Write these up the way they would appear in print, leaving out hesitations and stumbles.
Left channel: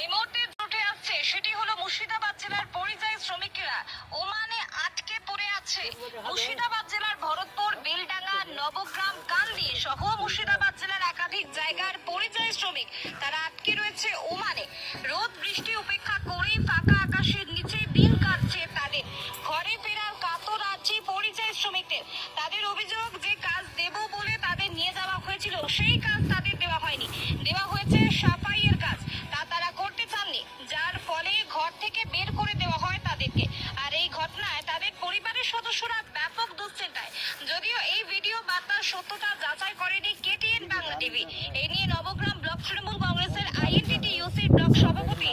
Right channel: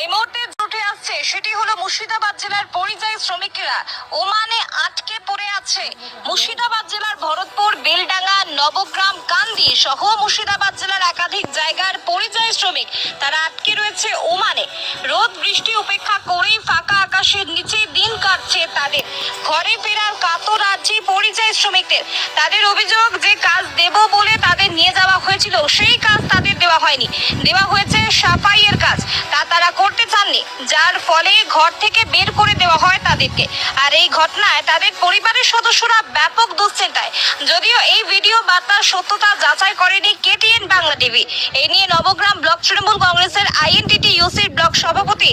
এই মুহূর্তে উঠে আসছে সেটি হলো মুর্শিদাবাদ জেলার পরিযায়ী শ্রমিকেরা ওমানে আটকে পড়ে আছে। মুর্শিদাবাদ জেলার ভরতপুর, বেলডাঙ্গা, নবগ্রাম, কান্দি সহ মুর্শিদাবাদ জেলার একাধিক জায়গার পরিযায়ী শ্রমিক তারা আটকে রয়েছে ওমানে। রোদ বৃষ্টি উপেক্ষা করেই ফাঁকা আকাশের নিচে দিন কাটছে তাদের। ঘরে ফেরার কাতর আছি পরিযায়ী শ্রমিকদের। তাদের অভিযোগ যে কাজ দেব বলে তাদের নিয়ে যাওয়া হয়েছিল সেই কাজ তাদের দেওয়া হয়নি, দেওয়া হয়েছে সাফাইয়ের কাজ, তা তারা করতে চাননি, যার ফলে ঘর থেকে বের করে দেওয়া হয় তাদেরকে। আর এই ঘটনায় তাদের পরিবারের সদস্যরা ব্যাপক দুশ্চিন্তায়। যদিও এই ভিডিও বার্তার সত্যতা যাচাই করেনি কেটিএন বাংলা টিভি। এই নিয়ে নবগ্রাম ব্লক তৃণমূল কংগ্রেসের আইএনটিটি ইউসির ব্লক সভাপতি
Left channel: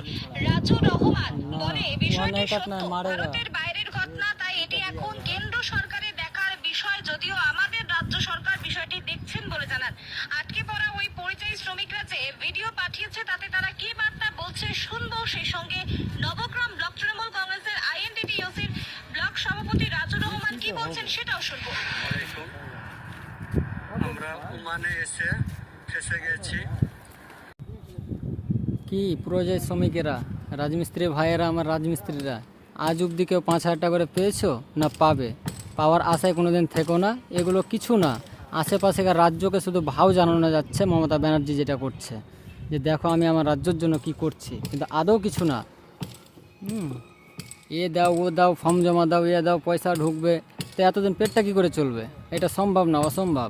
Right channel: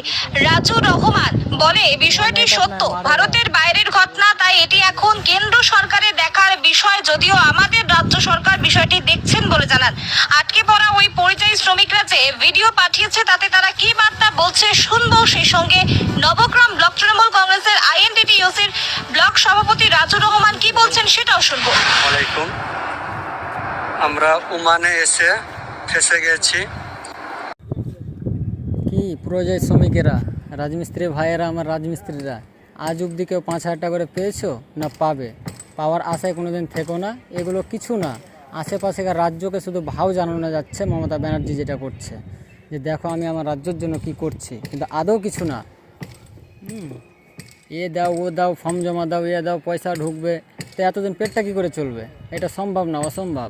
রাজু রহমান বলে, বিষয়টি সত্য, ভারতের বাইরের ঘটনা, তাই এটি এখন কেন্দ্র সরকারের দেখার বিষয়। যদিও আমাদের রাজ্য সরকার বিষয়টি দেখছেন বলে জানান। আটকে পড়া ওই পরিযায়ী শ্রমিকরা যে ভিডিও পাঠিয়েছে তাতে তারা কি বার্তা বলছে শুনবো। সেই সঙ্গে নবগ্রাম ব্লক তৃণমূল কংগ্রেসের আইএনটিটি ইউসির ব্লক সভাপতি রাজু রহমান কি বলছেন সেটাও শুনবো। ওয়ালাইকুম। আমরা ওমানে এসে ফেসে গেছি। কি পরিযায়ী শ্রমিকেরা, রাজমিস্ত্রি ভাইয়েরা, আমার রাজমিস্ত্রিরা আজ অবধি কেউ 5,000 টাকা করে পেয়েছো না পাবে? পাওয়ার আশায় কোনোদিন থেকো না। এগুলো কিছু না, আশেপাশেকার রাজ্যকে শুধু ভাও জানানো যাচ্ছে মমতা ব্যানার্জি যেটা করছে, যে দেখো আমি আমার রাজ্যের জন্য কি করছি, কিন্তু আদৌ কিছু না। এ দাও, ও দাও, ফর্ম জমা দাও, এ দাও, পয়সা ঢুকবে, তো এতদিন পেটটা কী করে চলবে? এটা সম্ভব না, অসম্ভব।